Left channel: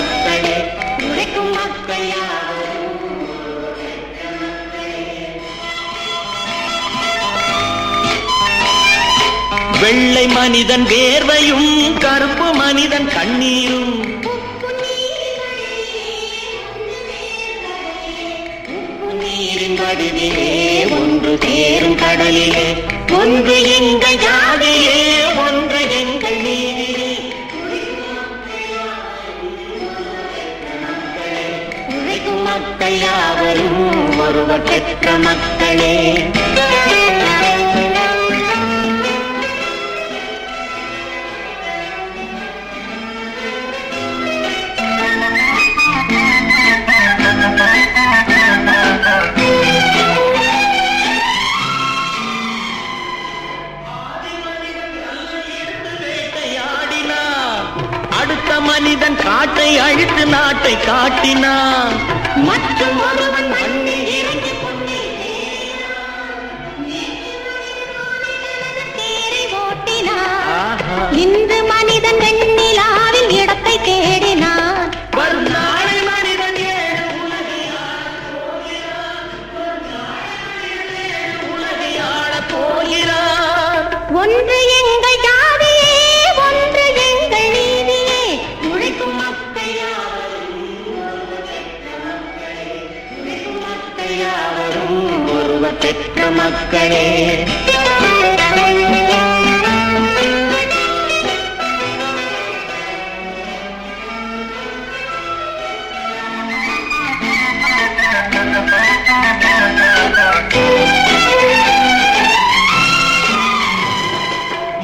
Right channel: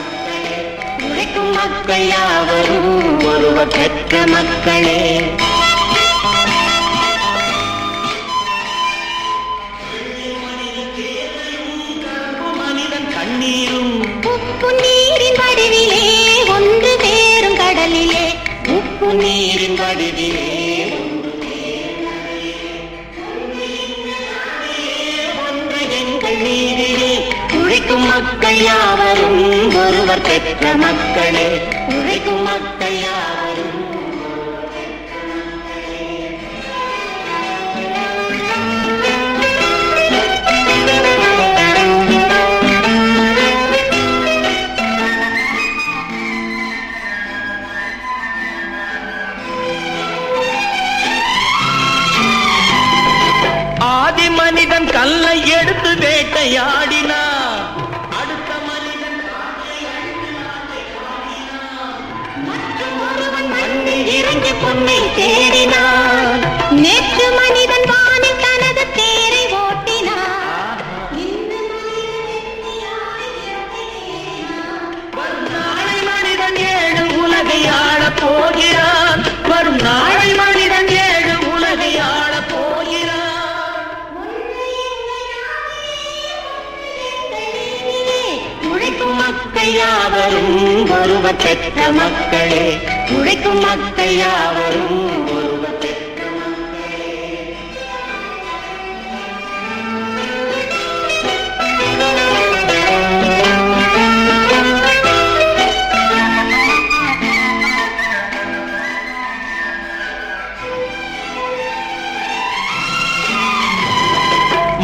மக்களே, உழைக்கும் மக்கள் யாவரும் ஒருவர் பெற்ற மக்களே. வெள்ளை மனிதன் வேர்வையும் கருப்பு மனிதன் கண்ணீரும் உப்பு நீரின் வடிவிலே ஒன்று தேரும் கடலிலே, உப்பு நீரின் வடிவிலே ஒன்று தேரும் கடலிலே. ஒன்று எங்கள் ஜாதியே, ஒன்று எங்கள் நீதியே, உழைக்கும் மக்கள் யாவரும் ஒருவர் பெற்ற மக்களே, உழைக்கும் மக்கள் யாவரும் ஒருவர் பெற்ற மக்களே. கல்லை எடுத்து வேட்டையாடினான், அடுத்த மனிதன் காட்டை அழித்து நாட்டை காட்டினான். மற்றும் ஒருவன் மண்ணில் இறங்கி பொன்னை தேடினான். நேற்று மனிதன் வானில் தனது தேரை ஓட்டினான், இன்று மனிதன் வெண்ணிலாவில் இடத்தை தேடினான். வரும் நாளை மனிதன் ஏழு உலகை ஆளப் போகிறான், வரும் நாளை மனிதன் ஏழு உலகை ஆளப் போகிறான். ஒன்று எங்கள் ஜாதியே, ஒன்று எங்கள் நீதியே, உழைக்கும் மக்கள் யாவரும் ஒருவர் பெற்ற மக்களே, உழைக்கும் மக்கள் யாவரும் ஒருவர் பெற்ற மக்களே.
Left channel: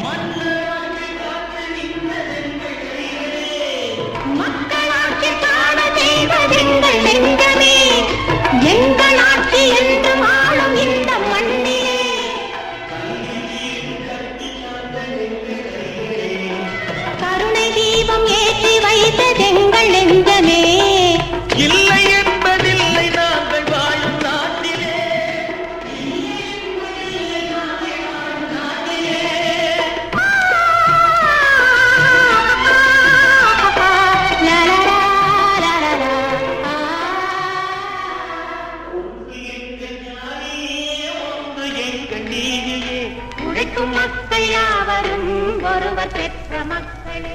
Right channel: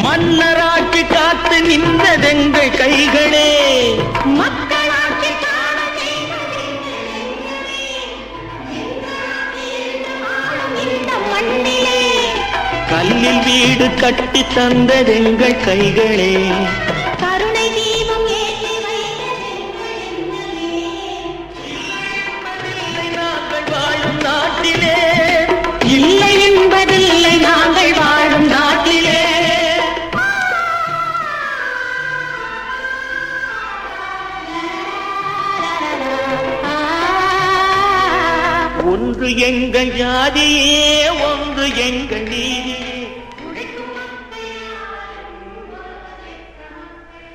மன்னராட்சி காத்து நின்றதெங்கள் கைகளே, மக்களாட்சி காண செய்வதெங்கள் நெஞ்சமே, எங்கள் ஆட்சி என்று ஆளும் இந்த மண்ணிலே. கல்லில் வீடு கட்டி தந்ததெங்கள் கைகளே, கருணை தீபம் ஏற்றி வைத்ததெங்கள் நெஞ்சமே. இல்லை என்பதில்லை நாங்கள் வாழும் நாட்டிலே, இல்லை என்பதில்லை நாங்கள் வாழும் நாட்டிலே. ஒன்று எங்கள் ஜாதியே, ஒன்று எங்கள் நீதியே, உழைக்கும் மக்கள் யாவரும் ஒருவர் பெற்ற மக்களே.